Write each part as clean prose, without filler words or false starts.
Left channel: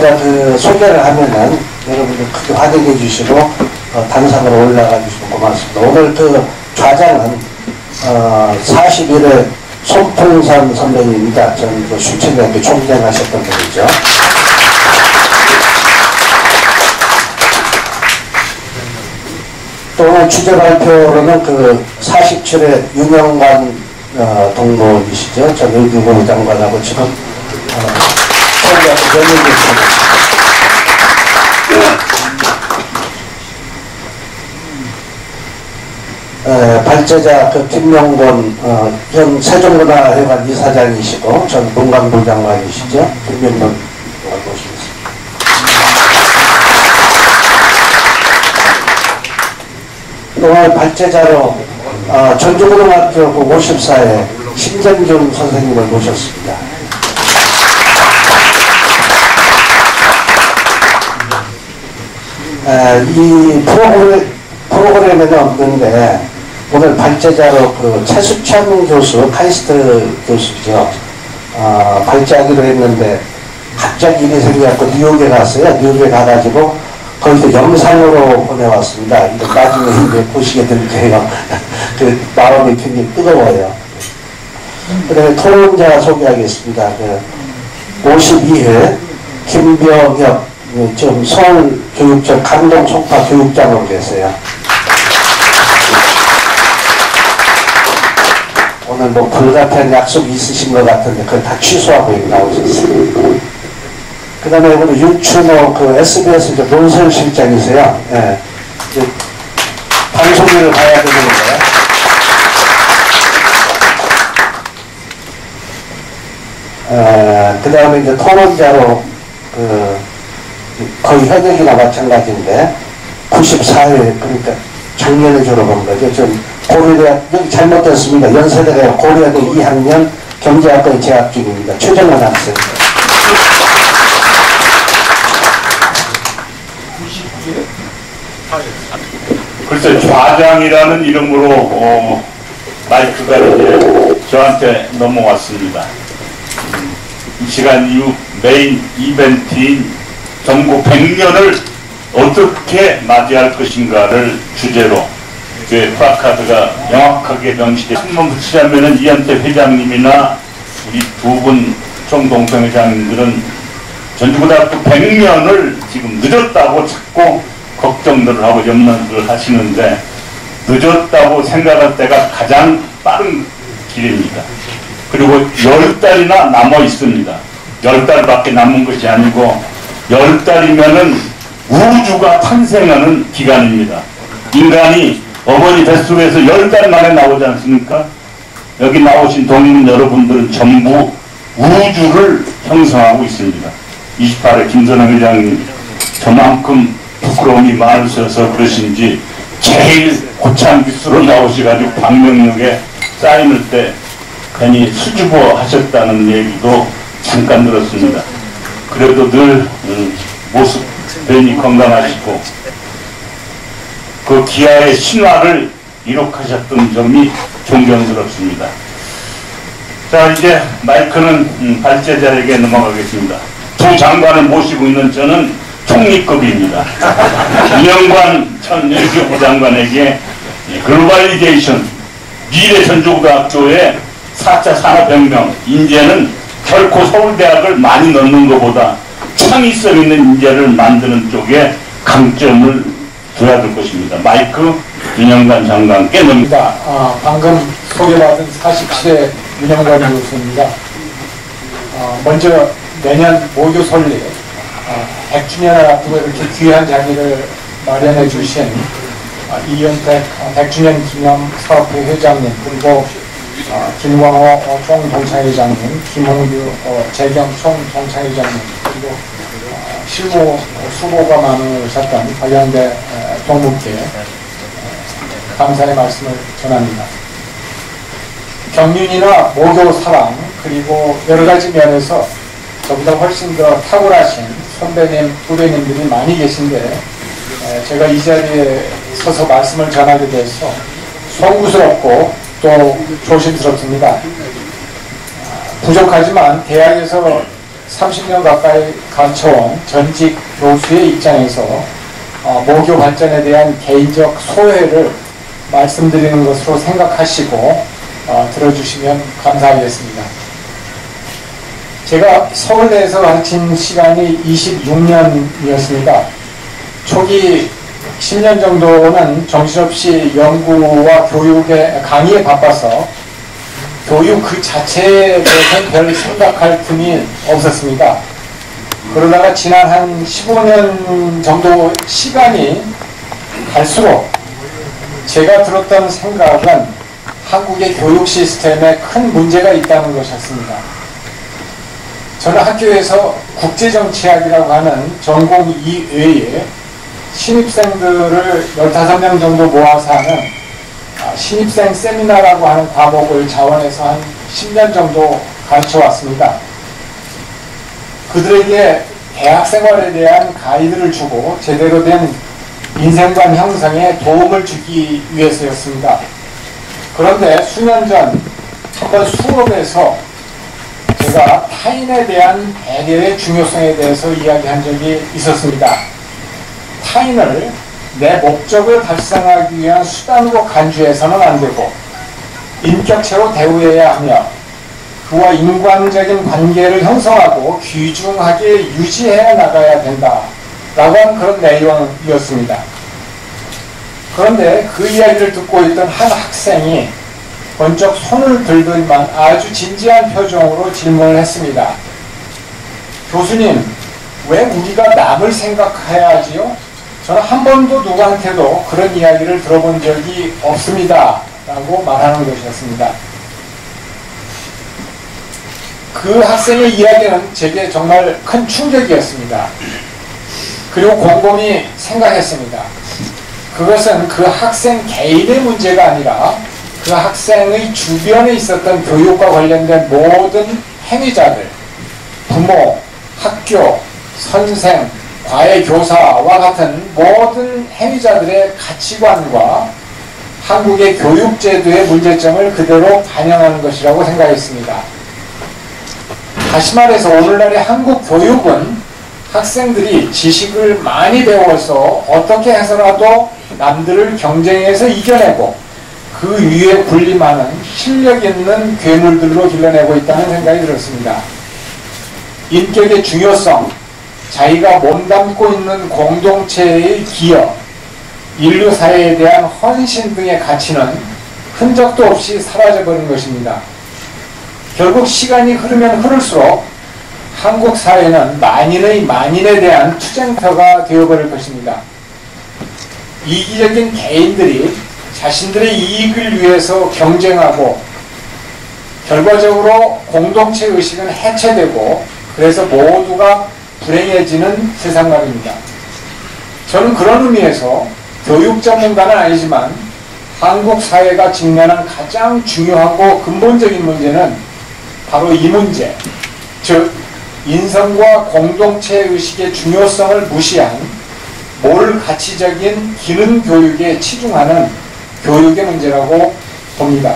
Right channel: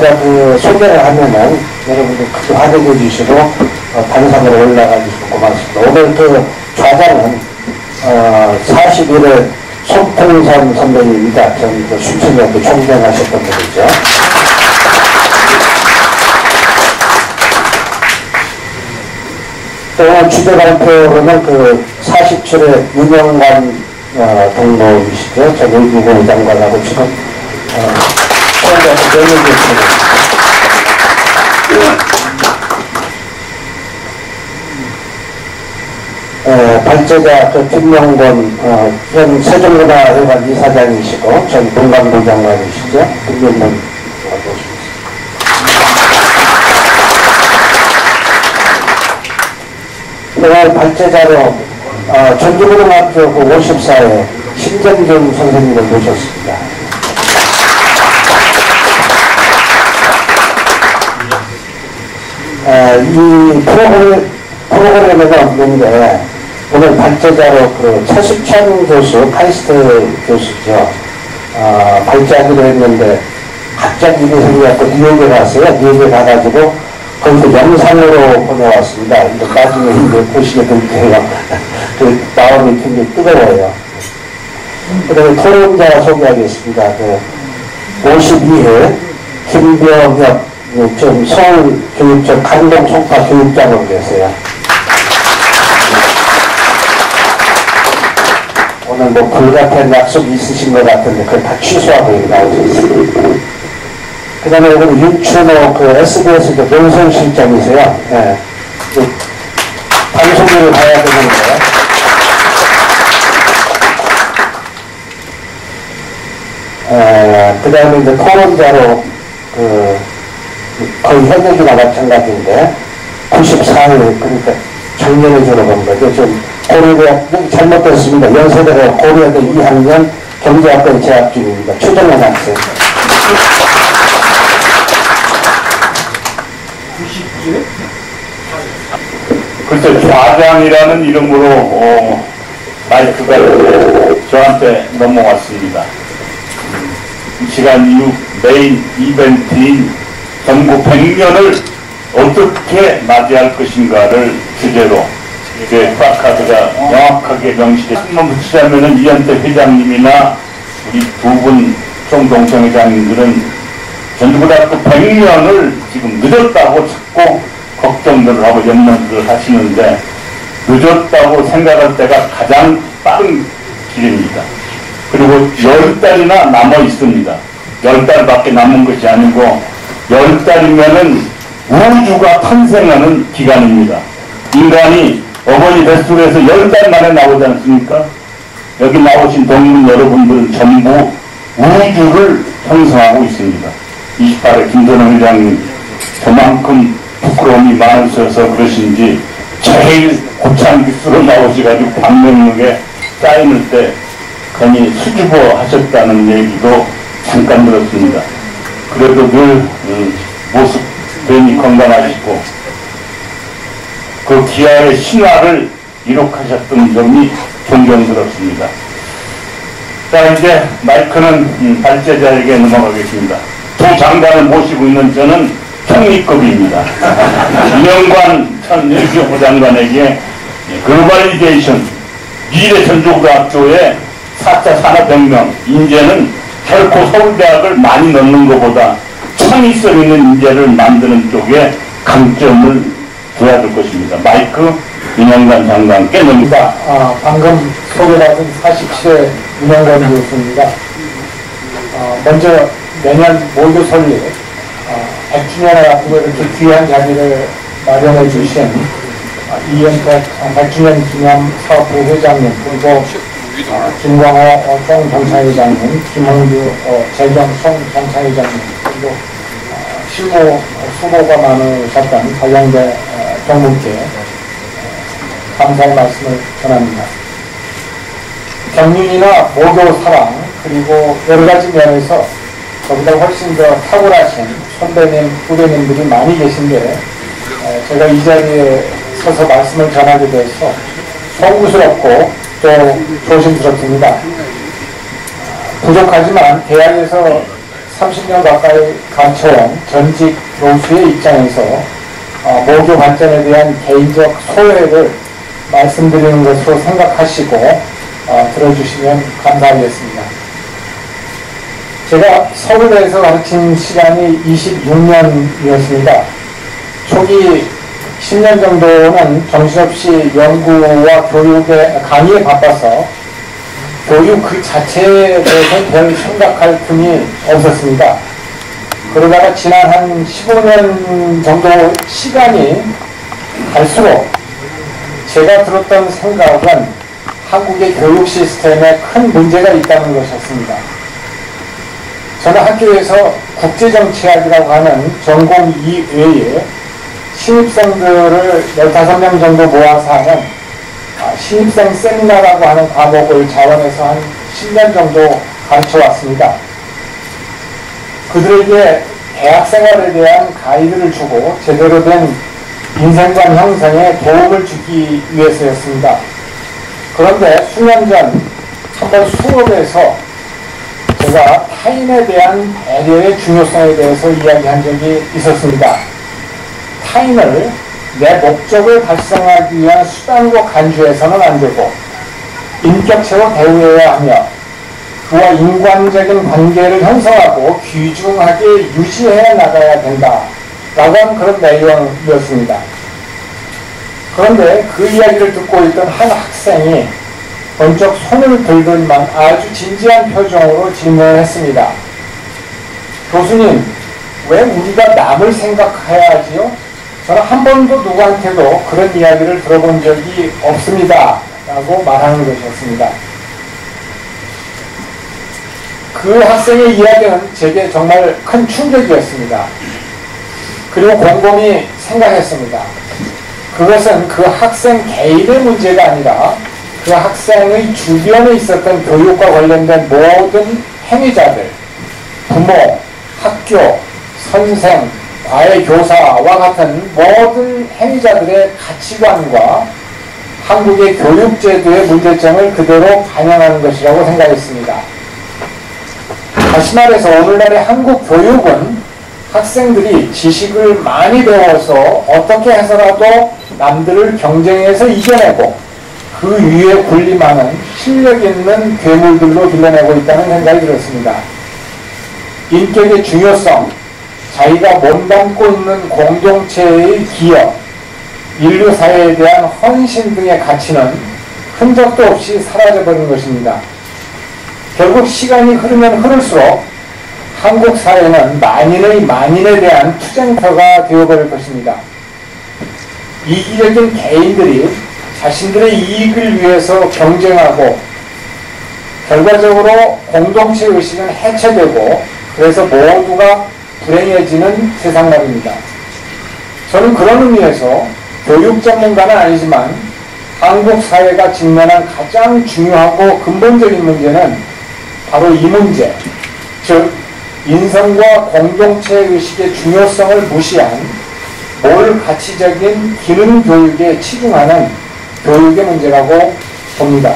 제가 그 소개를 하면은 여러분들 크게 환영해 주시고 단상으로 올라가 주시고 고맙습니다. 오늘 그 좌자는 41회 손풍선 선배님입니다. 저희 그 수치대학교 총장하셨던 분이죠. 오늘 주제 발표로는 그 47회 윤영관 동무이시죠. 저 의기고 장관하고 지금 발제자 그 김명곤 현 세종문화회관 이사장이시고 전 문광부 장관이시죠. 김명곤 모시겠습니다. 오늘 발제자로 전주고등학교 54회 신정준 선생님을 모셨습니다. 이 프로그램에는 없는데 오늘 발제자로 그 최수천 교수, 카이스트 교수죠. 발제하기로 했는데 갑자기 일이 생겨서 뉴욕에 갔어요. 뉴욕에 가가지고 거기서 영상으로 보내왔습니다. 나중에 이거 보시게 될 거예요. 그 마음이 굉장히 뜨거워요. 그리고 토론자 소개하겠습니다. 52회 김병엽 지금 서울교육청 강동송파 교육장으로 계세요. 오늘 뭐 불같은 약속 있으신 것 같은데 그걸 다 취소하고 나오셨어요. 그 다음에 오늘 유춘호 그 SBS 논설실장이세요. 예. 방송국을 봐야 되는 거예요. 그 다음에 이제 토론자로 거의 현역이나 마찬가지인데 94회 그러니까 정년해주러 본 거죠. 좀 고려대 여기 잘못됐습니다. 연세대가 고려대 2학년 경제학과에 재학 중입니다. 최정원 학생. 90개? 글쎄 좌장이라는 이름으로 마이크가 저한테 넘어왔습니다. 이 시간 이후 메인 이벤트인 정부 100년을 어떻게 맞이할 것인가를 주제로 플래카드가 명확하게 명시돼 한번 붙이자면은 이한태 회장님이나 우리 두 분 총동성회장님들은 전주고등학교 100년을 지금 늦었다고 자꾸 걱정들을 하고 염려들을 하시는데 늦었다고 생각할 때가 가장 빠른 길입니다. 그리고 10달이나 남아 있습니다. 10달밖에 남은 것이 아니고 10달이면은 우주가 탄생하는 기간입니다. 인간이 어머니 뱃속에서 10달 만에 나오지 않습니까? 여기 나오신 동민 여러분들 전부 우주를 형성하고 있습니다. 28회 김선호 회장님 저만큼 부끄러움이 많으셔서 그러신지 제일 고창기수로 나오셔가지고 방명록에 사인할 때 괜히 수줍어 하셨다는 얘기도 잠깐 들었습니다. 그래도 늘 모습 괜히 건강하시고 그 기아의 신화를 이룩하셨던 점이 존경스럽습니다. 자, 이제 마이크는 발제자에게 넘어가겠습니다. 두 장관을 모시고 있는 저는 총리급입니다. 윤영관 전 유교 장관에게 글로벌리제이션 미래 전주고등학교의 4차 산업혁명 인재는 결코 서울대학을 많이 넣는 것보다 창의성 있는 인재를 만드는 쪽에 강점을 둬야 될 것입니다. 마이크 윤영관 장관께 넘깁니다. 방금 소개받은 47회 윤영관 교수입니다. 먼저 내년 모두 설립 100주년에 앞두고 이렇게 귀한 자리를 마련해 주신 이현택 100주년 기념 사업부 회장님, 그리고 김광호 총경찰회장님, 김원규 재경 총경찰회장님, 그리고 실무 후보가 많으셨던 서양대 경북대 감사의 말씀을 전합니다. 경륜이나 모교 사랑, 그리고 여러 가지 면에서 저보다 훨씬 더 탁월하신 선배님, 후배님들이 많이 계신데 제가 이 자리에 서서 말씀을 전하게 돼서 송구스럽고 또 조심스럽습니다. 부족하지만 대학에서 30년 가까이 가르쳐온 전직 교수의 입장에서 모교 발전에 대한 개인적 소회를 말씀드리는 것으로 생각하시고 들어주시면 감사하겠습니다. 제가 서울대에서 가르친 시간이 26년이었습니다. 초기 10년 정도는 정신없이 연구와 교육에 강의에 바빠서 교육 그 자체에 대해서는 별 생각할 틈이 없었습니다. 그러다가 지난 한 15년 정도 시간이 갈수록 제가 들었던 생각은 한국의 교육 시스템에 큰 문제가 있다는 것이었습니다. 저는 학교에서 국제정치학이라고 하는 전공 이외에 신입생들을 15명 정도 모아서 하는 신입생 세미나라고 하는 과목을 자원해서 한 10년 정도 가르쳐 왔습니다. 그들에게 대학 생활에 대한 가이드를 주고 제대로 된 인생관 형성에 도움을 주기 위해서였습니다. 그런데 수년 전 한번 수업에서 제가 타인에 대한 배려의 중요성에 대해서 이야기한 적이 있었습니다. 타인을 내 목적을 달성하기 위한 수단으로 간주해서는 안 되고 인격체로 대우해야 하며 그와 인간적인 관계를 형성하고 귀중하게 유지해 나가야 된다 라고 하는 그런 내용이었습니다. 그런데 그 이야기를 듣고 있던 한 학생이 번쩍 손을 들더니만 아주 진지한 표정으로 질문을 했습니다. 교수님, 왜 우리가 남을 생각해야 하지요? 저는 한 번도 누구한테도 그런 이야기를 들어본 적이 없습니다 라고 말하는 것이었습니다. 그 학생의 이야기는 제게 정말 큰 충격이었습니다. 그리고 곰곰이 생각했습니다. 그것은 그 학생 개인의 문제가 아니라 그 학생의 주변에 있었던 교육과 관련된 모든 행위자들, 부모, 학교, 선생, 과외 교사와 같은 모든 행위자들의 가치관과 한국의 교육제도의 문제점을 그대로 반영하는 것이라고 생각했습니다. 다시 말해서 오늘날의 한국 교육은 학생들이 지식을 많이 배워서 어떻게 해서라도 남들을 경쟁해서 이겨내고 그 위에 군림하는 실력 있는 괴물들로 길러내고 있다는 생각이 들었습니다. 인격의 중요성, 자기가 몸담고 있는 공동체의 기여, 인류사회에 대한 헌신 등의 가치는 흔적도 없이 사라져버린 것입니다. 결국 시간이 흐르면 흐를수록 한국 사회는 만인에 대한 투쟁터가 되어버릴 것입니다. 이기적인 개인들이 자신들의 이익을 위해서 경쟁하고 결과적으로 공동체 의식은 해체되고 그래서 모두가 불행해지는 세상 말입니다. 저는 그런 의미에서 교육 전문가는 아니지만 한국 사회가 직면한 가장 중요하고 근본적인 문제는 바로 이 문제, 즉 인성과 공동체 의식의 중요성을 무시한 몰가치적인 기능 교육에 치중하는 교육의 문제라고 봅니다.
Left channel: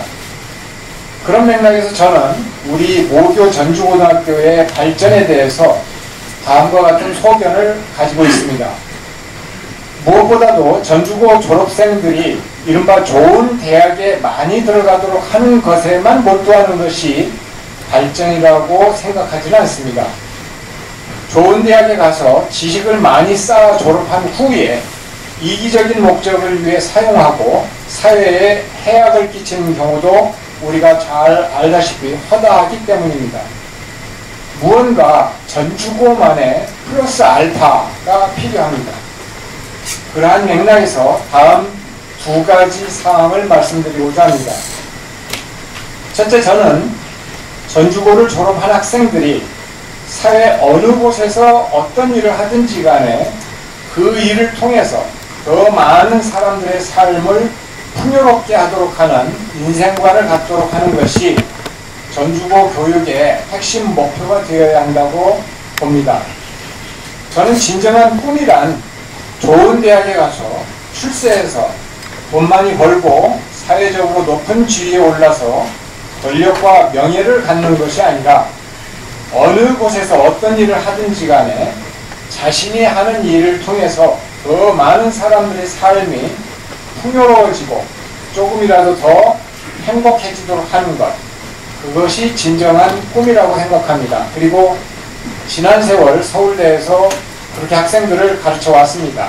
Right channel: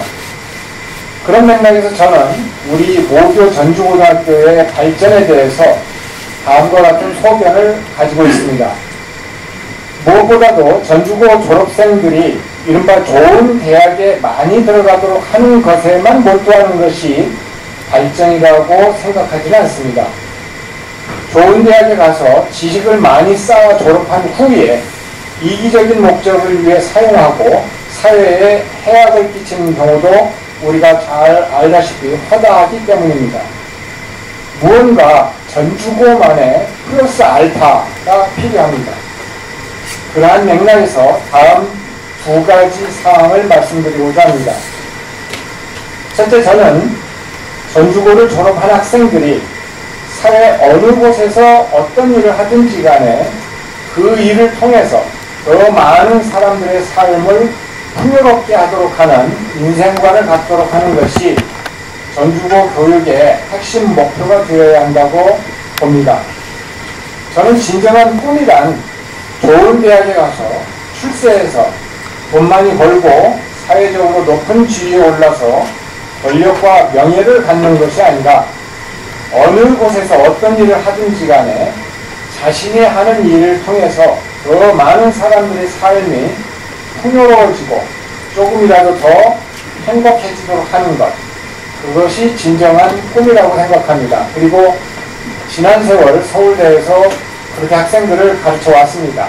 그런 맥락에서 저는 우리 모교 전주고등학교의 발전에 대해서 다음과 같은 소견을 가지고 있습니다. 무엇보다도 전주고 졸업생들이 이른바 좋은 대학에 많이 들어가도록 하는 것에만 몰두하는 것이 발전이라고 생각하지는 않습니다. 좋은 대학에 가서 지식을 많이 쌓아 졸업한 후에 이기적인 목적을 위해 사용하고 사회에 해악을 끼치는 경우도 우리가 잘 알다시피 허다하기 때문입니다. 무언가 전주고만의 플러스 알파가 필요합니다. 그러한 맥락에서 다음 두 가지 사항을 말씀드리고자 합니다. 첫째, 저는 전주고를 졸업한 학생들이 사회 어느 곳에서 어떤 일을 하든지 간에 그 일을 통해서 더 많은 사람들의 삶을 풍요롭게 하도록 하는 인생관을 갖도록 하는 것이 전주고 교육의 핵심 목표가 되어야 한다고 봅니다. 저는 진정한 꿈이란 좋은 대학에 가서 출세해서 돈 많이 벌고 사회적으로 높은 지위에 올라서 권력과 명예를 갖는 것이 아니라 어느 곳에서 어떤 일을 하든지 간에 자신이 하는 일을 통해서 더 많은 사람들의 삶이 풍요로워지고 조금이라도 더 행복해지도록 하는 것, 그것이 진정한 꿈이라고 생각합니다. 그리고 지난 세월 서울대에서 그렇게 학생들을 가르쳐 왔습니다.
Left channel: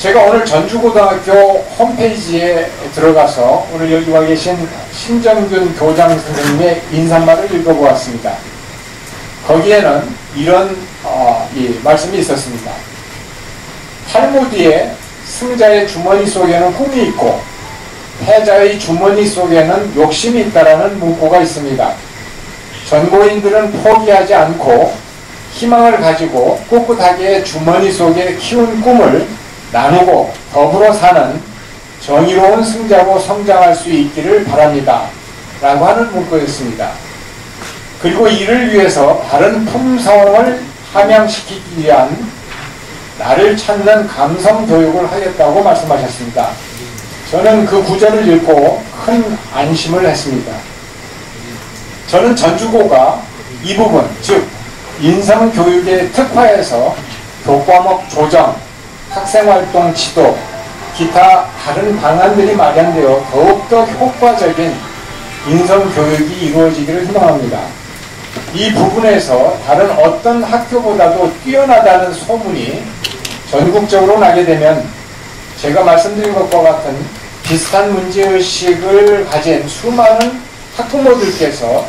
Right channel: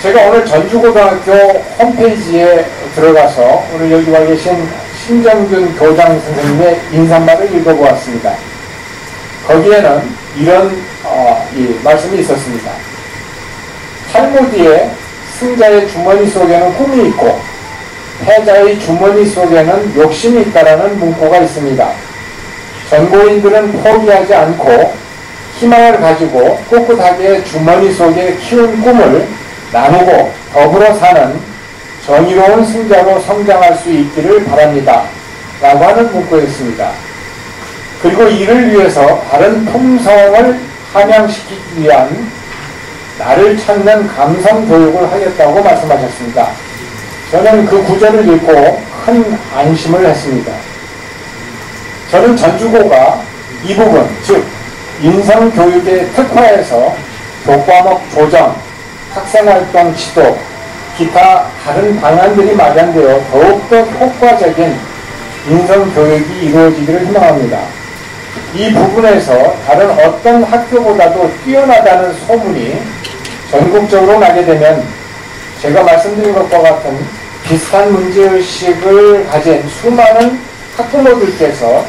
제가 오늘 전주고등학교 홈페이지에 들어가서 오늘 여기 와 계신 신정균 교장 선생님의 인사말을 읽어보았습니다. 거기에는 이런 말씀이 있었습니다. 탈무드에 승자의 주머니 속에는 꿈이 있고 패자의 주머니 속에는 욕심이 있다라는 문구가 있습니다. 전고인들은 포기하지 않고 희망을 가지고 꿋꿋하게 주머니 속에 키운 꿈을 나누고 더불어 사는 정의로운 승자로 성장할 수 있기를 바랍니다. 라고 하는 문구였습니다. 그리고 이를 위해서 다른 품성을 함양시키기 위한 나를 찾는 감성 교육을 하겠다고 말씀하셨습니다. 저는 그 구절을 읽고 큰 안심을 했습니다. 저는 전주고가 이 부분, 즉 인성교육에 특화해서 교과목 조정, 학생활동 지도, 기타 다른 방안들이 마련되어 더욱더 효과적인 인성교육이 이루어지기를 희망합니다. 이 부분에서 다른 어떤 학교보다도 뛰어나다는 소문이 전국적으로 나게 되면 제가 말씀드린 것과 같은 비슷한 문제의식을 가진 수많은 학부모들께서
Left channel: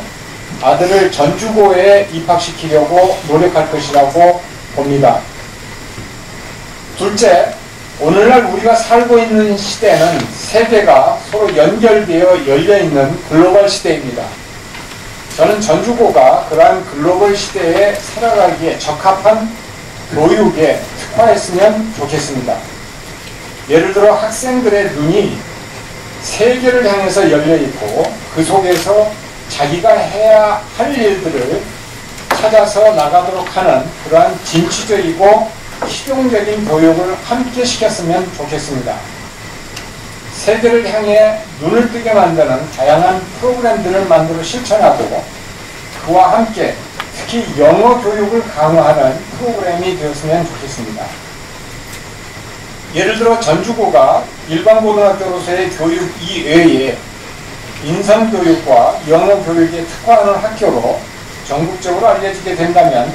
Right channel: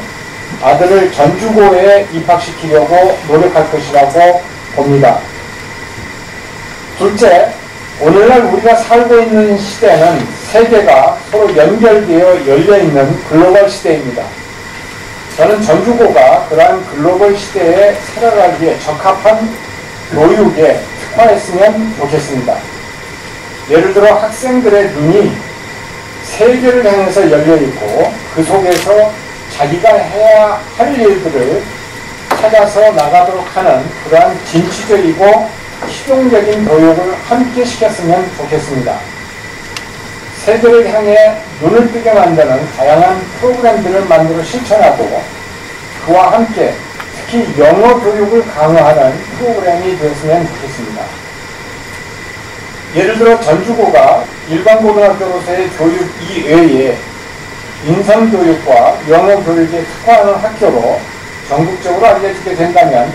아들을 전주고에 입학시키려고 노력할 것이라고 봅니다. 둘째, 오늘날 우리가 살고 있는 시대는 세계가 서로 연결되어 열려있는 글로벌 시대입니다. 저는 전주고가 그러한 글로벌 시대에 살아가기에 적합한 교육에 특화했으면 좋겠습니다. 예를 들어 학생들의 눈이 세계를 향해서 열려있고 그 속에서 자기가 해야 할 일들을 찾아서 나가도록 하는 그러한 진취적이고 실용적인 교육을 함께 시켰으면 좋겠습니다. 세대를 향해 눈을 뜨게 만드는 다양한 프로그램들을 만들어 실천하고 그와 함께 특히 영어 교육을 강화하는 프로그램이 되었으면 좋겠습니다. 예를 들어 전주고가 일반 고등학교로서의 교육 이외에 인성교육과 영어 교육에 특화하는 학교로 전국적으로 알려지게 된다면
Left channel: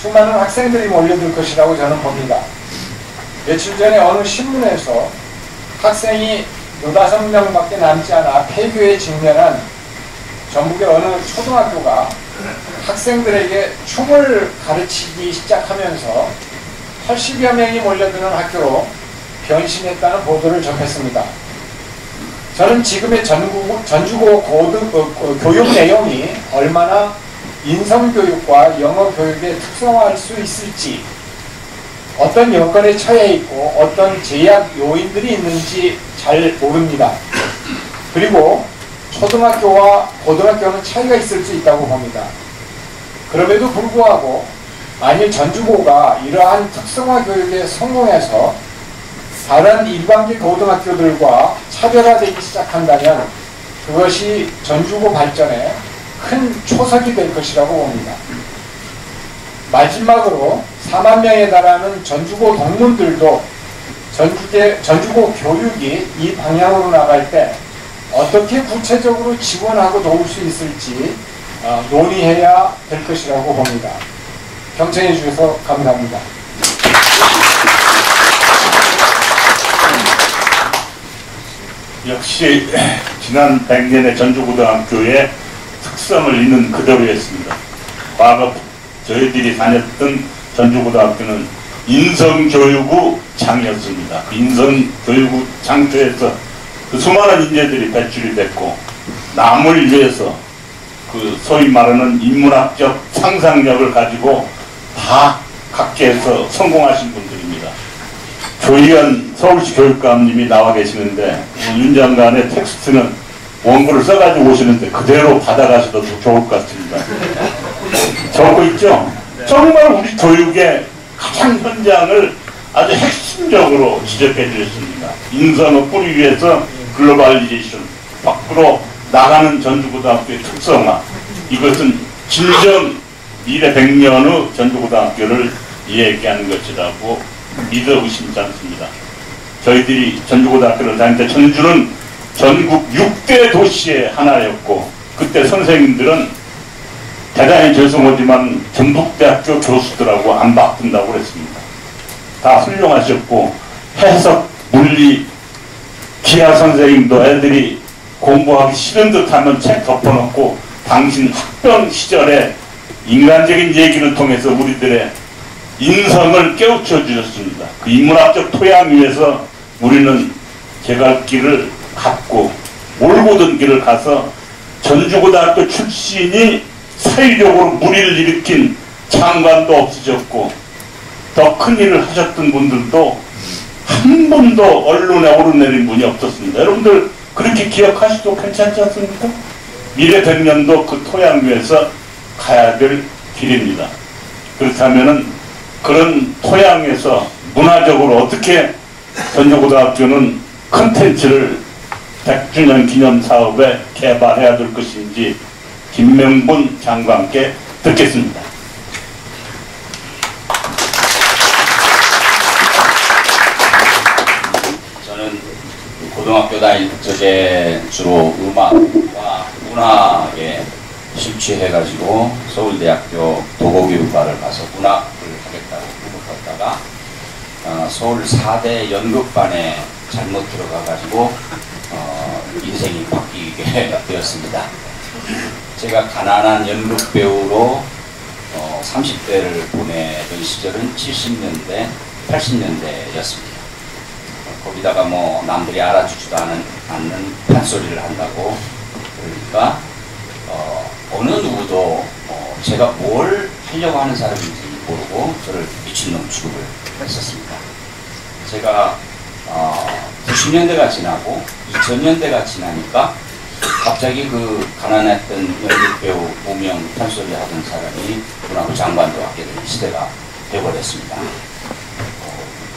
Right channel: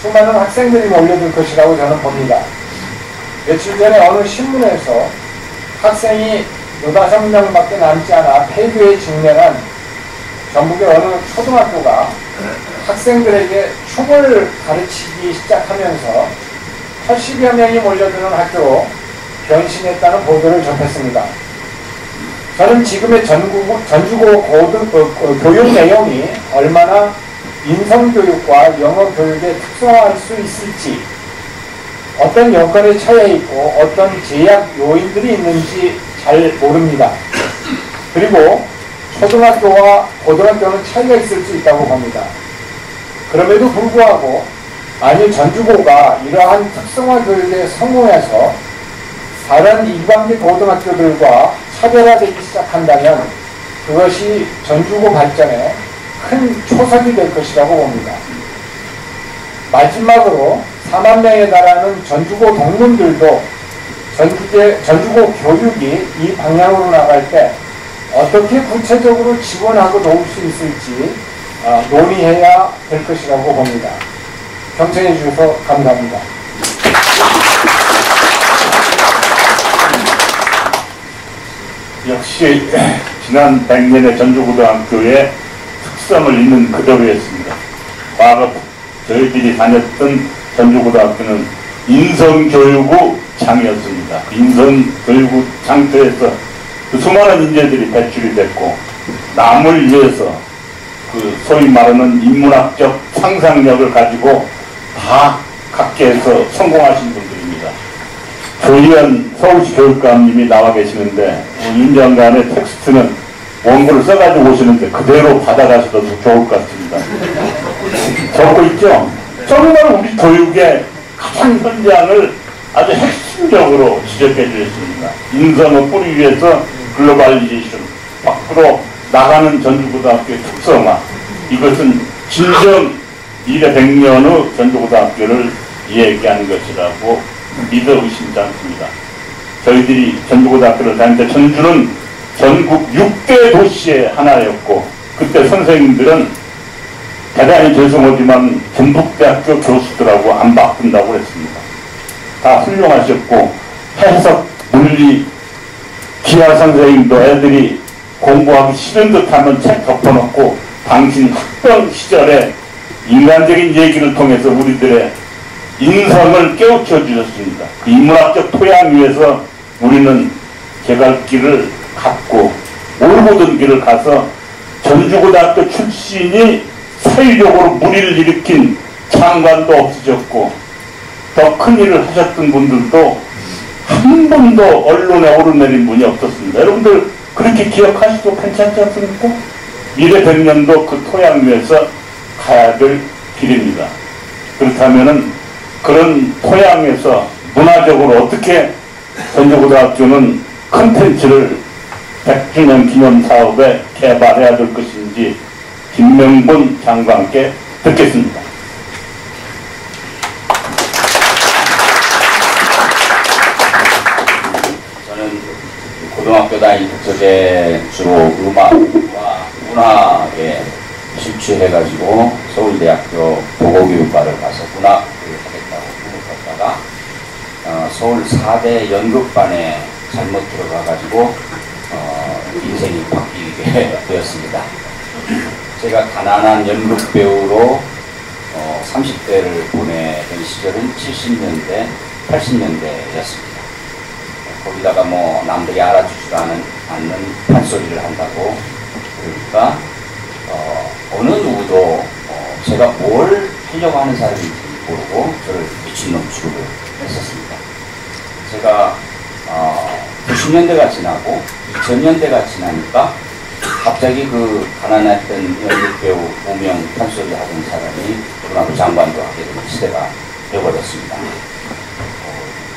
수많은 학생들이 몰려들 것이라고 저는 봅니다. 며칠 전에 어느 신문에서 학생이 15명밖에 남지 않아 폐교에 직면한 전국의 어느 초등학교가 학생들에게 춤을 가르치기 시작하면서 80여 명이 몰려드는 학교로 변신했다는 보도를 접했습니다. 저는 지금의 전주고 교육 내용이 얼마나 인성교육과 영어교육에 특성화할 수 있을지, 어떤 여건에 처해 있고 어떤 제약 요인들이 있는지 잘 모릅니다. 그리고 초등학교와 고등학교는 차이가 있을 수 있다고 봅니다. 그럼에도 불구하고 만일 전주고가 이러한 특성화 교육에 성공해서 다른 일반계 고등학교들과 차별화되기 시작한다면 그것이 전주고 발전에 큰 초석이 될 것이라고 봅니다. 마지막으로 4만 명에 달하는 전주고 동문들도 전주고 교육이 이 방향으로 나갈 때 어떻게 구체적으로 지원하고 도울 수 있을지 논의해야 될 것이라고 봅니다. 경청해 주셔서 감사합니다. 역시 지난 100년의 전주고등학교의 특성을 있는 그대로였습니다. 과거 저희들이 다녔던 전주고등학교는 인성교육의 장이었습니다. 인성교육의 장터에서 그 수많은 인재들이 배출이 됐고 남을 위해서 그 소위 말하는 인문학적 상상력을 가지고 다 각계에서 성공하신 분들입니다. 조희연 서울시 교육감님이 나와 계시는데 윤 장관의 텍스트는 원고를 써가지고 오시는데 그대로 받아가셔도 좋을 것 같습니다. 적고 있죠? 정말 우리 교육의 가장 현장을 아주 핵심적으로 지적해 주셨습니다. 인성을 뿌리 위해서 글로벌리제이션 밖으로 나가는 전주고등학교의 특성화, 이것은 진정 미래 100년 후 전주고등학교를 얘기하는 것이라고 믿어 의심치 않습니다. 저희들이 전주고등학교를 다닐 때 전주는 전국 6대 도시의 하나였고, 그때 선생님들은 대단히 죄송하지만 전북대학교 교수들하고 안 바꾼다고 그랬습니다. 다 훌륭하셨고, 해석, 물리, 기하 선생님도 애들이 공부하기 싫은 듯 하면 책 덮어놓고 당신 학번 시절에 인간적인 얘기를 통해서 우리들의 인성을 깨우쳐 주셨습니다. 그 인문학적 토양 위에서 우리는 개갈길을 갔고 올고든 길을 가서 전주고등학교 출신이 사회적으로 무리를 일으킨 장관도 없으셨고 더 큰 일을 하셨던 분들도 한 번도 언론에 오르내린 분이 없었습니다. 여러분들 그렇게 기억하시도 괜찮지 않습니까? 미래 100년도 그 토양 위에서 가야 될 길입니다. 그렇다면은 그런 토양에서 문화적으로 어떻게 전주고등학교는 컨텐츠를 100주년 기념 사업에 개발해야 될 것인지 김명분 장관께 듣겠습니다. 저는 고등학교 다닐 적에 주로 음악과 문학에 실취해가지고 서울대학교 도곡교육과를 가서 문학을 하겠다고 생각했다가 서울 4대 연극반에 잘못 들어가가지고 인생이 바뀌게 되었습니다. 제가 가난한 연극 배우로 30대를 보내던 시절은 70년대, 80년대였습니다. 거기다가 뭐 남들이 알아주지도 않는 판소리를 한다고 그러니까 어느 누구도 제가 뭘 하려고 하는 사람인지 모르고 저를 미친놈 취급을 했었습니다. 제가 90년대가 지나고 2000년대가 지나니까 갑자기 그 가난했던 연극배우 무명 판소리 하던 사람이 문화부 장관도 하게 되는 시대가 되어버렸습니다.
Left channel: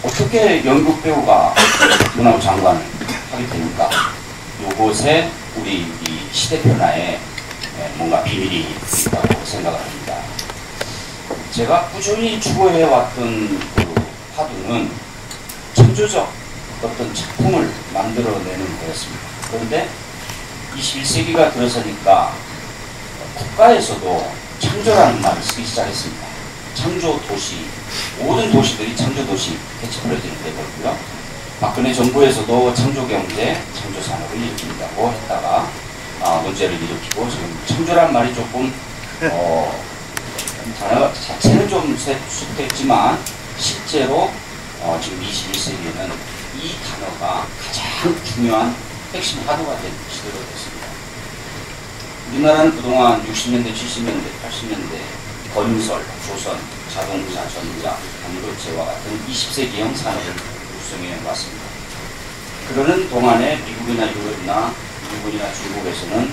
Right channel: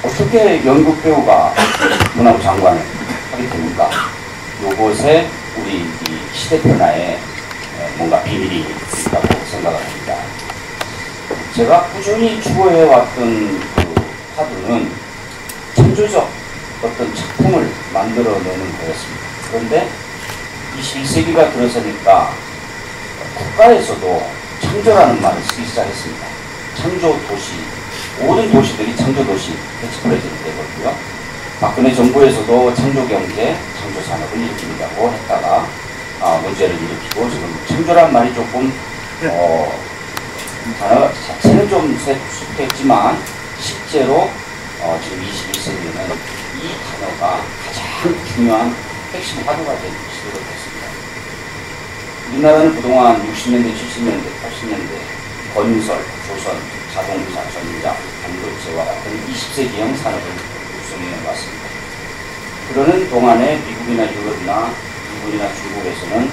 어떻게 연극배우가 문화부 장관을 하게 됩니까? 요것에 우리 이 시대 변화에 뭔가 비밀이 있다고 생각합니다. 제가 꾸준히 추구해왔던 그 화두는 창조적 어떤 작품을 만들어내는 거였습니다. 그런데 21세기가 들어서니까 국가에서도 창조라는 말을 쓰기 시작했습니다. 창조도시, 모든 도시들이 창조도시 캐치프레이즈를 내걸고요. 박근혜 정부에서도 창조경제, 창조산업을 일으킨다고 했다가 문제를 일으키고 지금 창조란 말이 조금 단어 자체는 좀 숙했지만 실제로 지금 21세기에는 이 단어가 가장 중요한 핵심 화두가 된 시대가 됐습니다. 우리나라는 그동안 60년대, 70년대, 80년대 건설, 조선, 자동차, 전기차, 반도체와 같은 20세기형 산업을 구성해 왔습니다. 그러는 동안에 미국이나 유럽이나 일본이나 중국에서는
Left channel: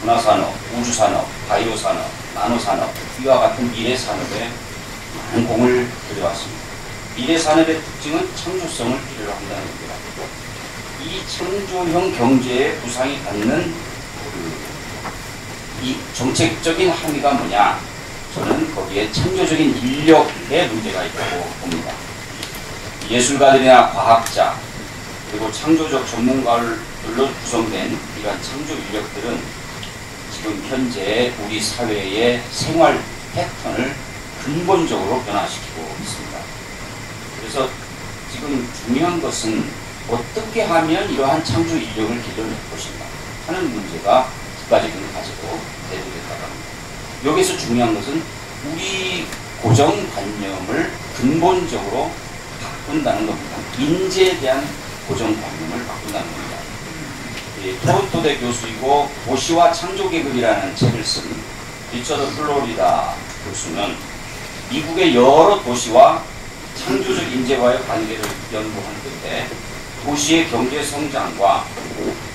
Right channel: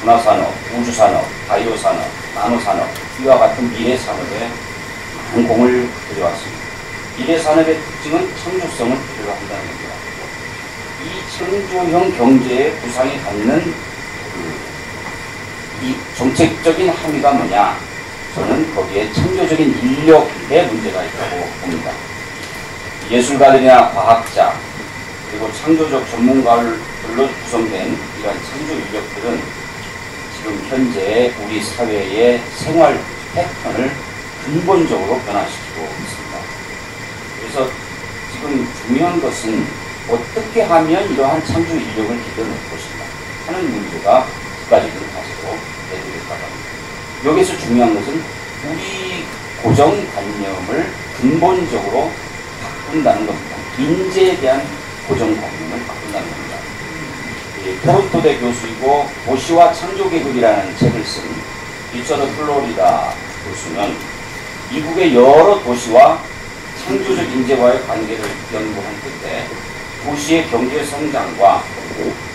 문화산업, 우주산업, 바이오산업, 나노산업 이와 같은 미래산업에 많은 공을 들여왔습니다. 미래산업의 특징은 창조성을 필요로 한다는 겁니다. 이 창조형 경제의 구상이 갖는 이 정책적인 함의가 뭐냐? 저는 거기에 창조적인 인력의 문제가 있다고 봅니다. 예술가들이나 과학자 그리고 창조적 전문가들로 구성된 이러한 창조 인력들은 지금 현재 우리 사회의 생활 패턴을 근본적으로 변화시키고 있습니다. 그래서 지금 중요한 것은 어떻게 하면 이러한 창조 인력을 길러낼 것인가 하는 문제가 국가적인 가지고 대두된다고 합니다. 여기서 중요한 것은 우리 고정관념을 근본적으로 바꾼다는 겁니다. 인재에 대한 고정관념을 바꾼다는 겁니다. 토론토대 교수이고 도시와 창조계급이라는 책을 쓴 리처드 플로리다 교수는 미국의 여러 도시와 창조적 인재와의 관계를 연구하는 건데 도시의 경제 성장과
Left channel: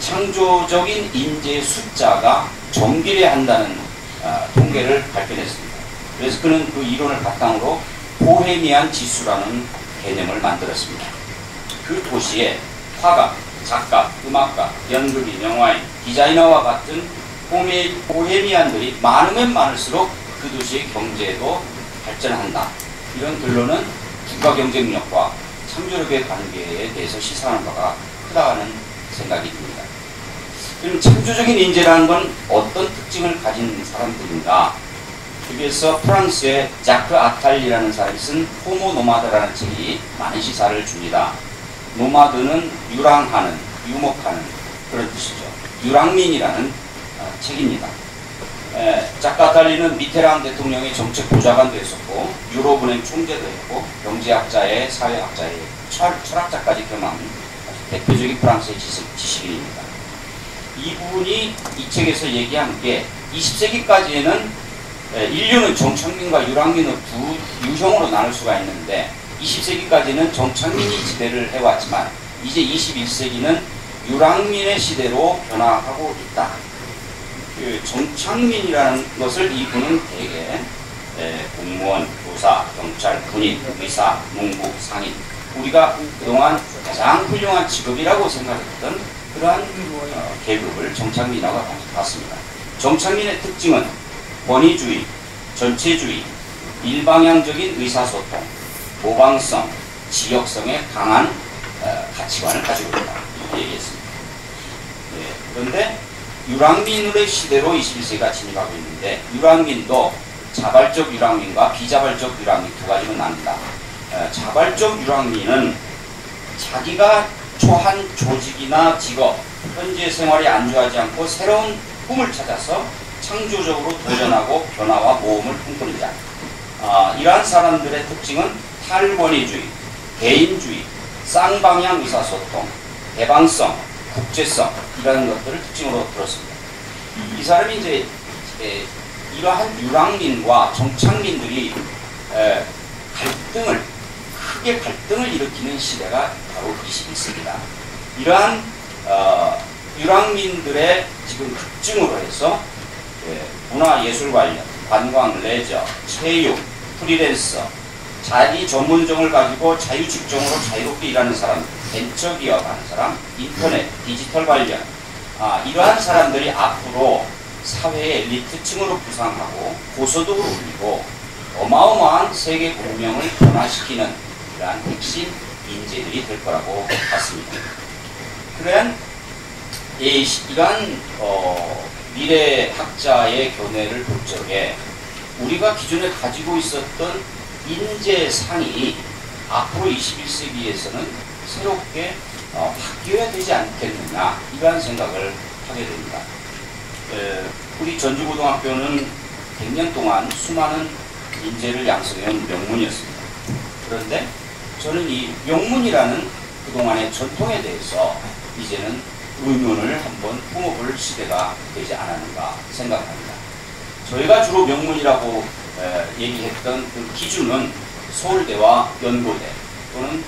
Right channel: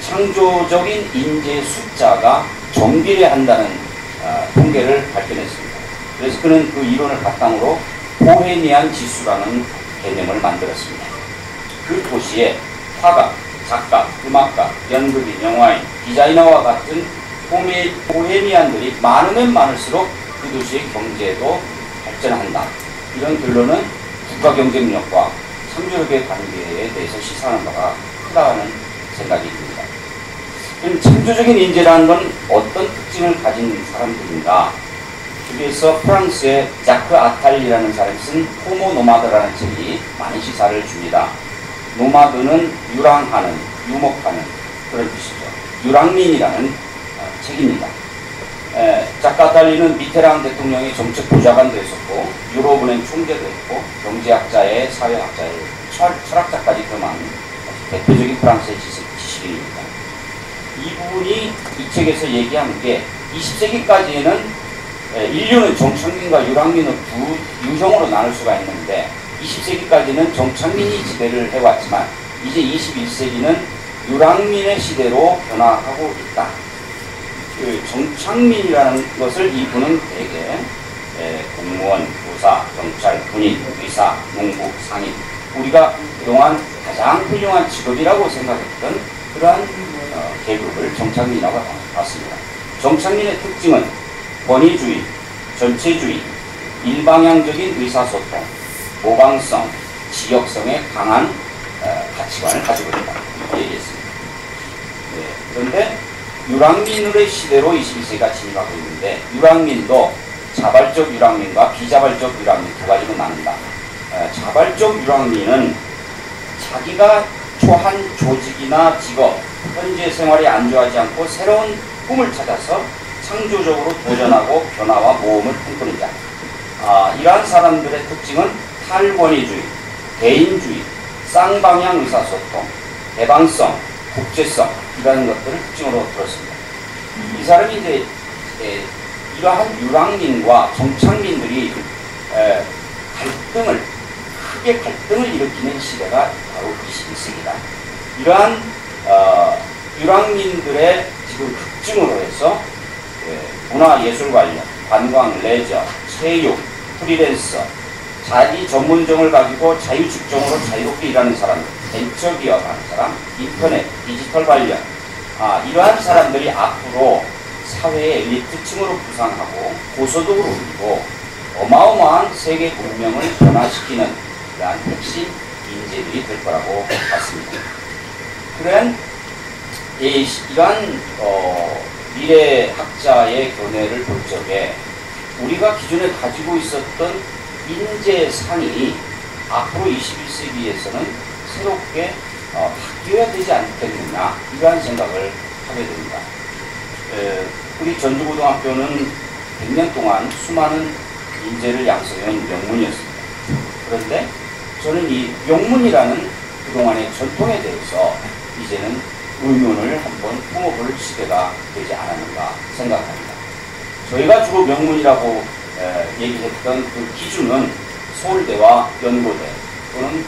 창조적인 인재의 숫자가 정비례한다는 통계를 발견했습니다. 그래서 그는 그 이론을 바탕으로 보헤미안 지수라는 개념을 만들었습니다. 그 도시에 화가, 작가, 음악가, 연극인, 영화인, 디자이너와 같은 보헤미안들이 많으면 많을수록 그 도시의 경제도 발전한다. 이런 결론은 국가 경쟁력과 창조력의 관계에 대해서 시사하는 바가 크다는 생각이 듭니다. 그럼 창조적인 인재라는 건 어떤 특징을 가진 사람들인가? 여기에서 프랑스의 자크 아탈리라는 사람이 쓴 호모 노마드라는 책이 많은 시사를 줍니다. 노마드는 유랑하는, 유목하는 그런 뜻이죠. 유랑민이라는 책입니다. 자크 아탈리는 미테랑 대통령의 정책 보좌관도 했었고 유럽은행 총재도 했고 경제학자의 사회학자의 철학자까지 겸한 대표적인 프랑스의 지식인입니다. 이분이 이 책에서 얘기한 게 20세기까지는 인류는 정착민과 유랑민을 두 유형으로 나눌 수가 있는데 20세기까지는 정착민이 지배를 해왔지만 이제 21세기는 유랑민의 시대로 변화하고 있다. 그 정착민이라는 것을 이분은 되게 공무원, 교사, 경찰, 군인, 의사, 농부, 상인 우리가 그동안 가장 훌륭한 직업이라고 생각했던 그러한 계급을 정착민이라고 봤습니다. 정착민의 특징은 권위주의, 전체주의, 일방향적인 의사소통, 모방성, 지역성의 강한 가치관을 가지고 있다. 이렇게 얘기했습니다. 네, 그런데 유랑민의 시대로 21세기가 진입하고 있는데 유랑민도 자발적 유랑민과 비자발적 유랑민 두 가지로 나뉩니다. 자발적 유랑민은 자기가 초한 조직이나 직업, 현재 생활에 안주하지 않고 새로운 꿈을 찾아서 창조적으로 도전하고 변화와 모험을 꿈꾸는 자. 이러한 사람들의 특징은 탈권위주의, 개인주의, 쌍방향 의사소통, 개방성, 국제성 이라는 것들을 특징으로 들었습니다. 이 사람이 이제 이러한 유랑민과 정착민들이 크게 갈등을 일으키는 시대가 바로 21세기다. 이러한 유랑민들의 지금 특징으로 해서 문화예술 관련, 관광, 레저, 체육, 프리랜서, 자기 전문성을 가지고 자유직종으로 자유롭게 일하는 사람, 벤처기업 하는 사람, 인터넷, 디지털 관련 이러한 사람들이 앞으로 사회의 엘리트층으로 부상하고 고소득을 올리고 어마어마한 세계 문명을 변화시키는 이러한 핵심 인재들이 될 거라고 봤습니다. 그러한 이러한 미래학자의 견해를 볼 적에 우리가 기존에 가지고 있었던 인재상이 앞으로 21세기에서는 새롭게 바뀌어야 되지 않겠느냐 이러한 생각을 하게 됩니다. 우리 전주고등학교는 100년 동안 수많은 인재를 양성해온 명문이었습니다. 그런데 저는 이 명문이라는 그동안의 전통에 대해서 이제는 의문을 한번 품어볼 시대가 되지 않았는가 생각합니다. 저희가 주로 명문이라고 얘기했던 그 기준은 서울대와 연고대 또는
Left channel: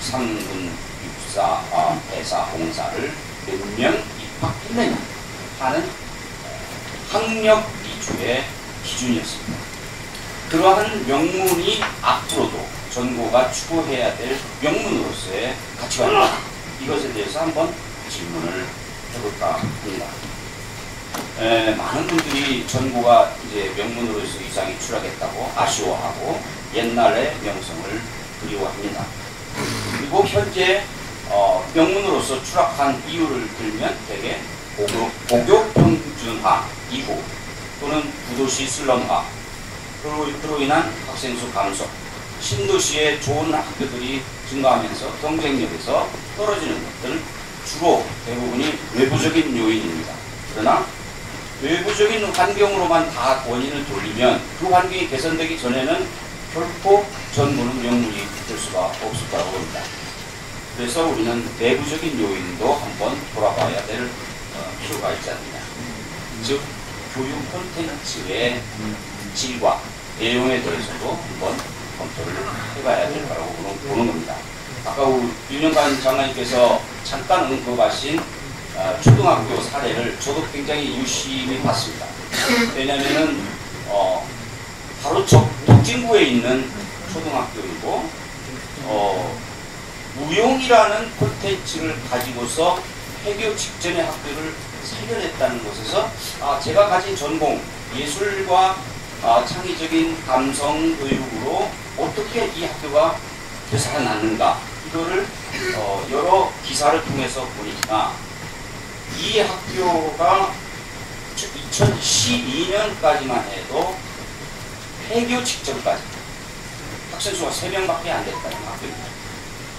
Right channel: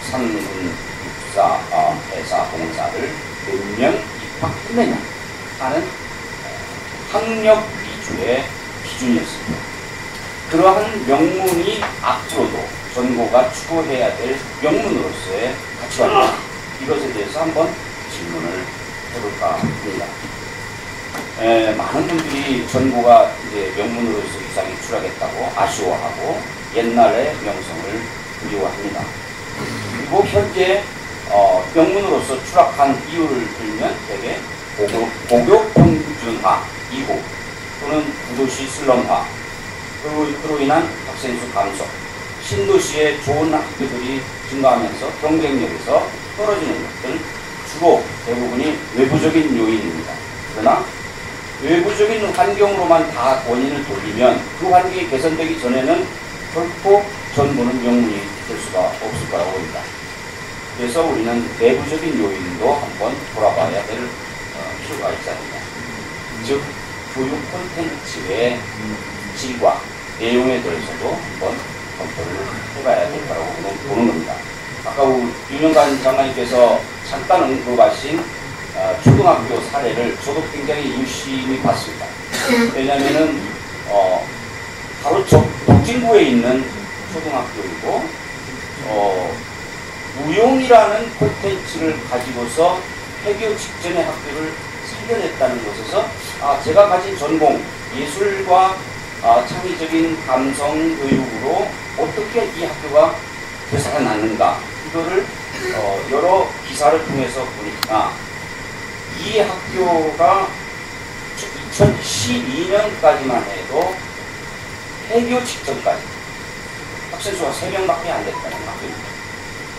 상군 입사, 배사, 봉사를 몇 명 입학했느냐 하는 학력 위주의 기준이었습니다. 그러한 명문이 앞으로도 전고가 추구해야 될 명문으로서의 가치관입니다. 이것에 대해서 한번 질문을 해볼까 합니다. 많은 분들이 전고가 이제 명문으로서 위상이 추락했다고 아쉬워하고 옛날의 명성을 그리워합니다. 그리고 현재 명문으로서 추락한 이유를 들면 대개 고교 평준화 이후 또는 구도시 슬럼화 그로 인한 학생수 감소 신도시의 좋은 학교들이 증가하면서 경쟁력에서 떨어지는 것들은 주로 대부분이 외부적인 요인입니다. 그러나 외부적인 환경으로만 다 원인을 돌리면 그 환경이 개선되기 전에는 결코 전부는 명문이 될 수가 없을 거라고 봅니다. 그래서 우리는 내부적인 요인도 한번 돌아봐야 될 필요가 있지 않느냐. 즉 교육 콘텐츠의 질과 내용에 대해서도 한번 검토를 해봐야 될 거라고 보는 겁니다. 아까 윤영관 장관님께서 잠깐 언급하신 초등학교 사례를 저도 굉장히 유심히 봤습니다. 왜냐하면 바로 덕진구에 있는 초등학교이고 무용이라는 콘텐츠를 가지고서 폐교 직전의 학교를 살려냈다는 곳에서 제가 가진 전공 예술과 창의적인 감성 교육으로 어떻게 이 학교가 되살아났는가 이거를 여러 기사를 통해서 보니까 이 학교가 2012년까지만 해도 폐교 직전까지 학생 수가 3명밖에 안 됐다는 학교입니다.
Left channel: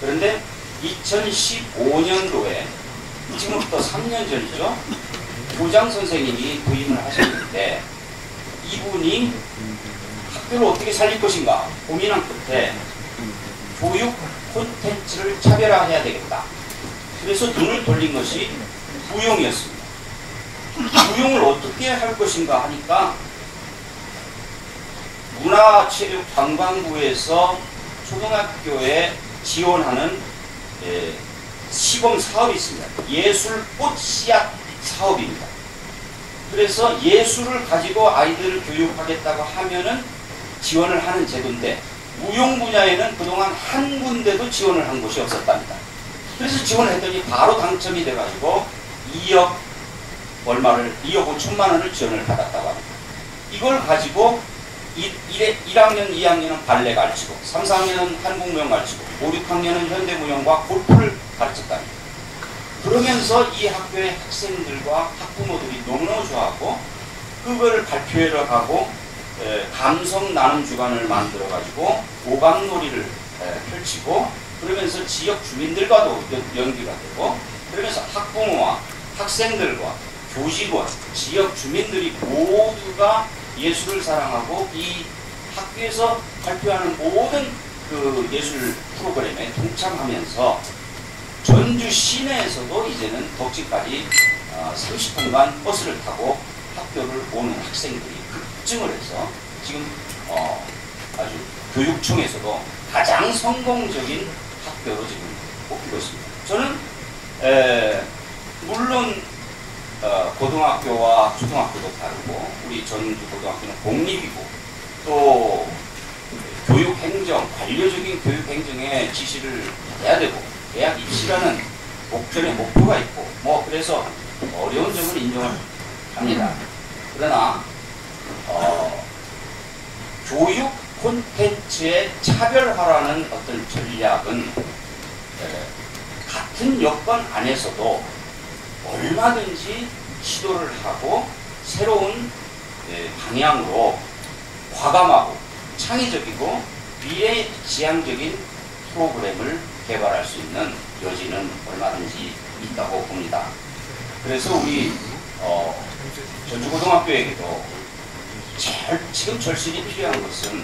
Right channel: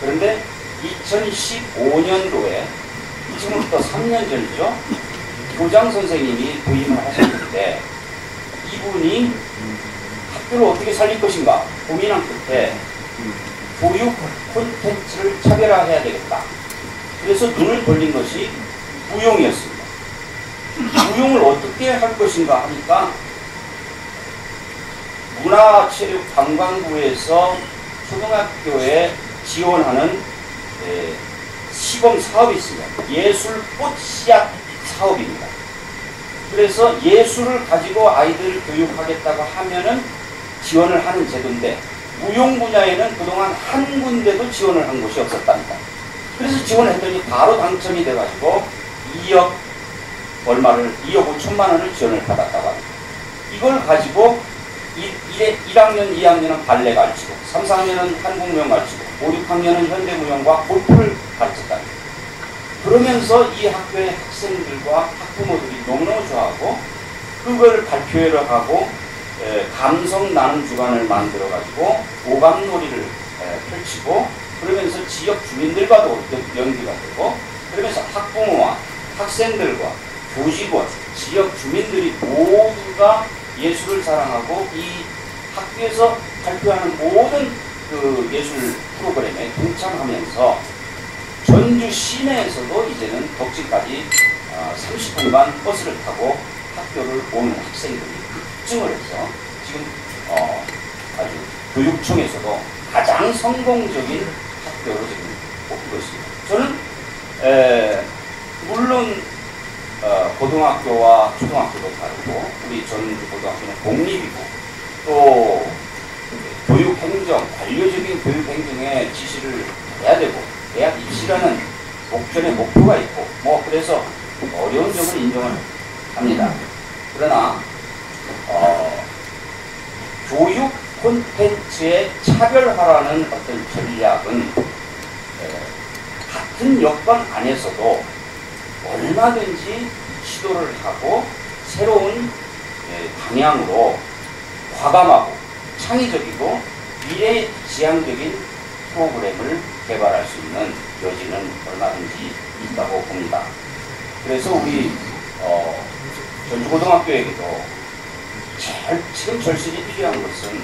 그런데 2015년도에 지금부터 3년 전이죠. 교장 선생님이 부임을 하셨는데 이분이 학교를 어떻게 살릴 것인가 고민한 끝에 교육 콘텐츠를 차별화해야 되겠다. 그래서 눈을 돌린 것이 무용이었습니다. 무용을 어떻게 할 것인가 하니까 문화체육관광부에서 초등학교에 지원하는 시범 사업이 있습니다. 예술 꽃씨앗 사업입니다. 그래서 예술을 가지고 아이들을 교육하겠다고 하면은 지원을 하는 제도인데 무용 분야에는 그동안 한 군데도 지원을 한 곳이 없었답니다. 그래서 지원을 했더니 바로 당첨이 돼가지고 2억 5천만 원을 지원을 받았다고 합니다. 이걸 가지고 1학년, 2학년은 발레 가르치고 3, 4학년은 한국무용 가르치고 5, 6학년은 현대무용과 골프를 가르쳤다. 그러면서 이 학교의 학생들과 학부모들이 너무너무 좋아하고 그걸 발표회로 가고 감성 나눔 주간을 만들어 가지고 오감놀이를 펼치고 그러면서 지역 주민들과도 연기가 되고 그러면서 학부모와 학생들과 교직원, 지역 주민들이 모두가 예술을 사랑하고 이 학교에서 발표하는 모든 그 예술 프로그램에 동참하면서 전주 시내에서도 이제는 덕지까지 30분간 버스를 타고 학교를 오는 학생들이 급증을 해서 지금 아주 교육청에서도 가장 성공적인 학교로 지금 꼽히고 있습니다. 저는 물론 고등학교와 초등학교도 다르고 우리 전주 고등학교는 공립이고 또 교육행정, 관료적인 교육행정에 지시를 해야 되고 대학 입시라는 목전에 목표가 있고 뭐 그래서 어려운 점을 인정합니다. 그러나 교육 콘텐츠의 차별화라는 어떤 전략은 같은 여건 안에서도 얼마든지 시도를 하고 새로운 방향으로 과감하고 창의적이고 미래지향적인 프로그램을 개발할 수 있는 여지는 얼마든지 있다고 봅니다. 그래서 우리 전주고등학교에게도 지금 절실히 필요한 것은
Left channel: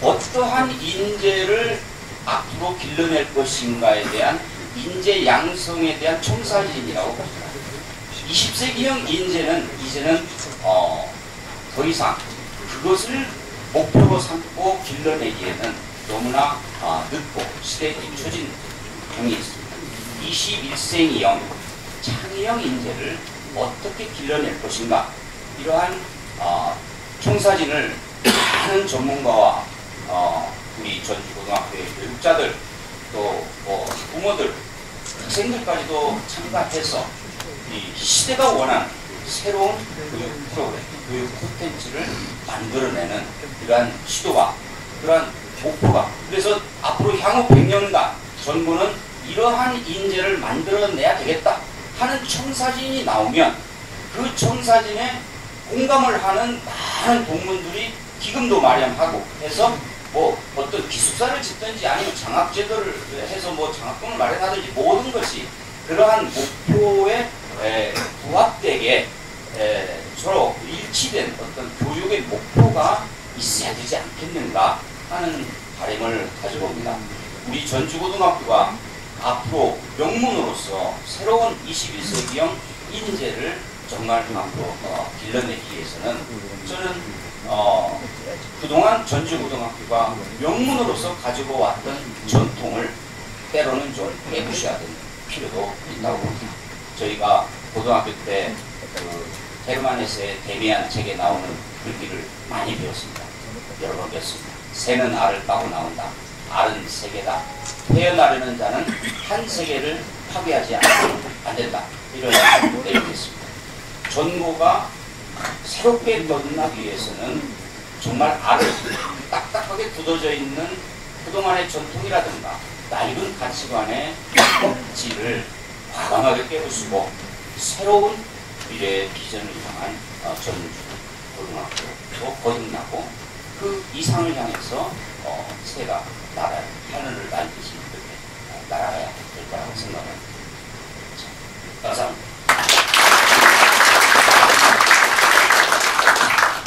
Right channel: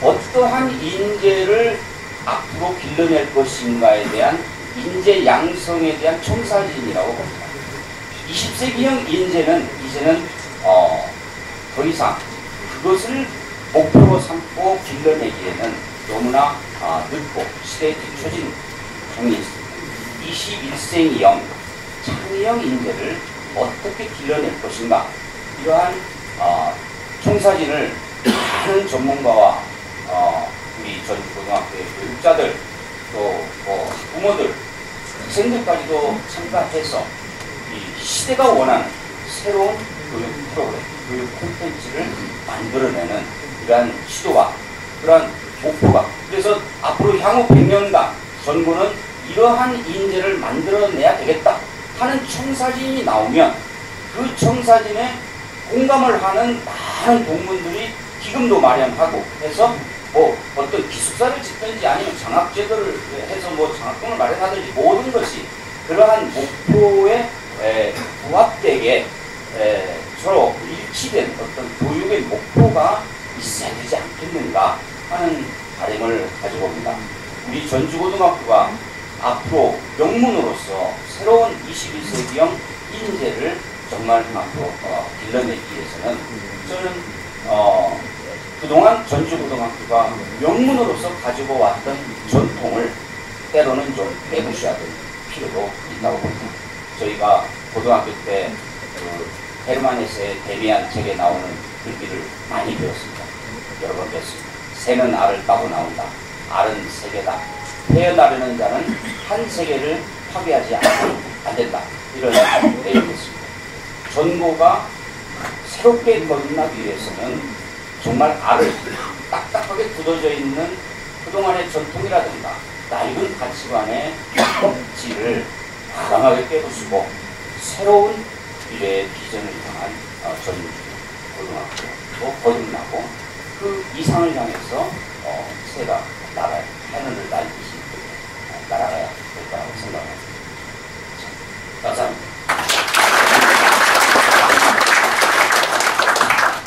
어떠한 인재를 앞으로 길러낼 것인가에 대한 인재 양성에 대한 청사진이라고 봅니다. 20세기형 인재는 이제는 더 이상 그것을 목표로 삼고 길러내기에는 너무나 늦고 시대에 뒤처진 경이 있습니다. 21세기형 창의형 인재를 어떻게 길러낼 것인가 이러한 청사진을 많은 전문가와 우리 전주고등학교의 교육자들 또 부모들 학생들까지도 참가해서 이 시대가 원하는 새로운 교육 프로그램, 교육 콘텐츠를 만들어내는 이러한 시도가 그러한 목표가 그래서 앞으로 향후 100년간 전부는 이러한 인재를 만들어내야 되겠다 하는 청사진이 나오면 그 청사진에 공감을 하는 많은 동문들이 기금도 마련하고 해서 뭐 어떤 기숙사를 짓든지 아니면 장학제도를 해서 뭐 장학금을 마련하든지 모든 것이 그러한 목표에 부합되게 서로 일치된 어떤 교육의 목표가 있어야 되지 않겠는가 하는 바람을 가지고 옵니다. 우리 전주고등학교가 앞으로 명문으로서 새로운 21세기형 인재를 정말 앞으로 길러내기 위해서는 저는 그동안 전주고등학교가 명문으로서 가지고 왔던 전통을 때로는 좀 빼부셔야 되는 필요도 있다고 봅니다. 저희가 고등학교 때 헤르만헤세의 데미안 책에 나오는 글귀를 많이 배웠습니다. 여러 번 배웠습니다. 새는 알을 따고 나온다. 알은 세계다. 헤어나려는 자는 한 세계를 파괴하지 안 된다. 이런 내용이었습니다. 전고가 새롭게 거듭나기 위해서는 정말 알을 딱딱하게 굳어져 있는 그동안의 전통이라든가 낡은 가치관의 꼭지를 과감하게 깨부수고 새로운 미래의 비전을 향한 전고등학교로 거듭나고 그 이상을 향해서 새가 하늘을 날듯이 날아가야 될 거라고 생각합니다. 감사합니다.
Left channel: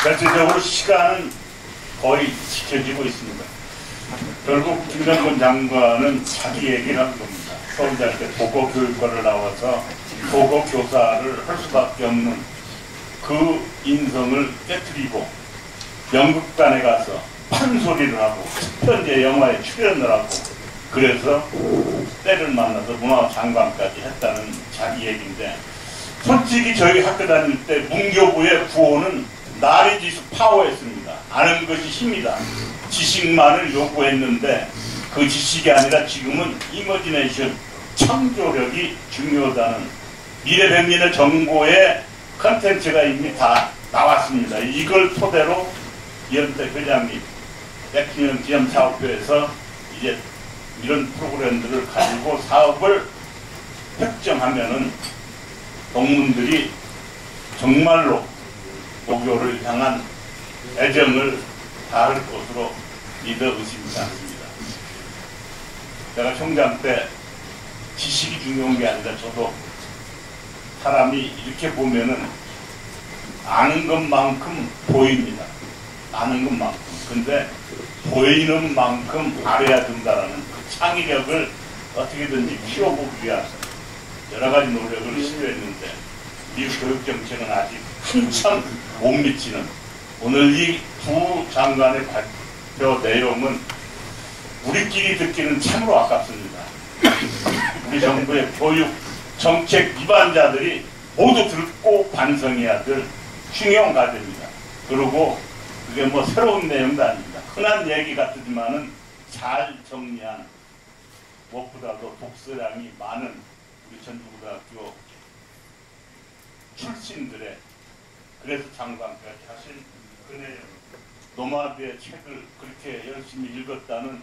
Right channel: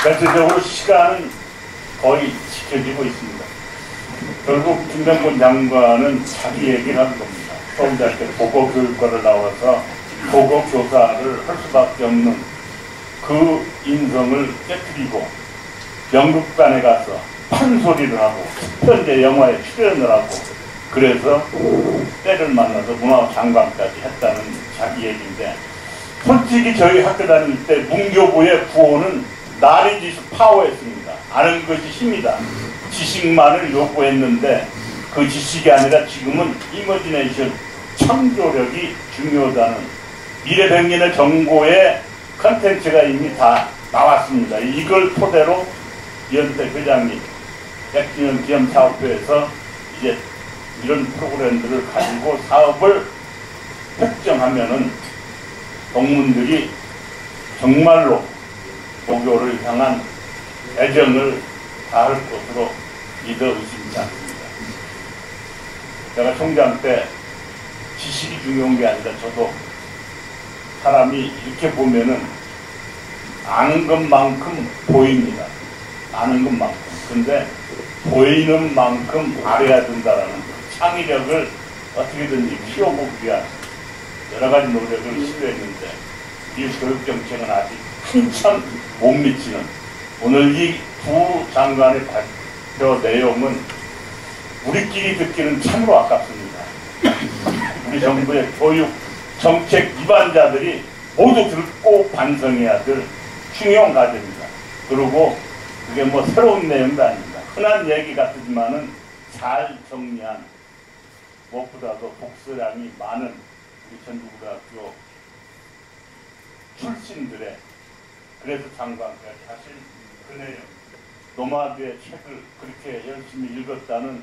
전체적으로 시간은 거의 지켜지고 있습니다. 결국 김남근 장관은 자기 얘기를 한 겁니다. 서울대학교 보고교육과를 나와서 보고교사를 할 수밖에 없는 그 인성을 깨뜨리고 연극단에 가서 판소리를 하고 첫 번째 영화에 출연을 하고 그래서 때를 만나서 문화장관까지 했다는 자기 얘기인데, 솔직히 저희 학교 다닐 때 문교부의 구호는 나리지수 파워였습니다. 아는 것이 힘이다. 지식만을 요구했는데 그 지식이 아니라 지금은 이머지네이션, 창조력이 중요하다는 미래백년의 정보의 컨텐츠가 이미 다 나왔습니다. 이걸 토대로 연대 회장님 백진영 기념사업부에서 이제 이런 프로그램들을 가지고 사업을 획정하면은 동문들이 정말로 고교를 향한 애정을 다할 것으로 믿어 의심치 않습니다. 제가 총장 때 지식이 중요한 게 아니라 저도 사람이 이렇게 보면은 아는 것만큼 보입니다. 아는 것만큼. 근데 보이는 만큼 알아야 된다라는 그 창의력을 어떻게든지 키워보기 위한 여러 가지 노력을 시도했는데 이 교육정책은 아직 한참 못 미치는, 오늘 이 두 장관의 발표 내용은 우리끼리 듣기는 참으로 아깝습니다. 우리 정부의 교육 정책 위반자들이 모두 듣고 반성해야 될 중요한 과제입니다. 그리고 그게 뭐 새로운 내용도 아닙니다. 흔한 얘기 같지만은 잘 정리한, 무엇보다도 독서량이 많은 우리 전주고등학교 출신들의, 그래서 장관까지 하신 그 내용, 노마드의 책을 그렇게 열심히 읽었다는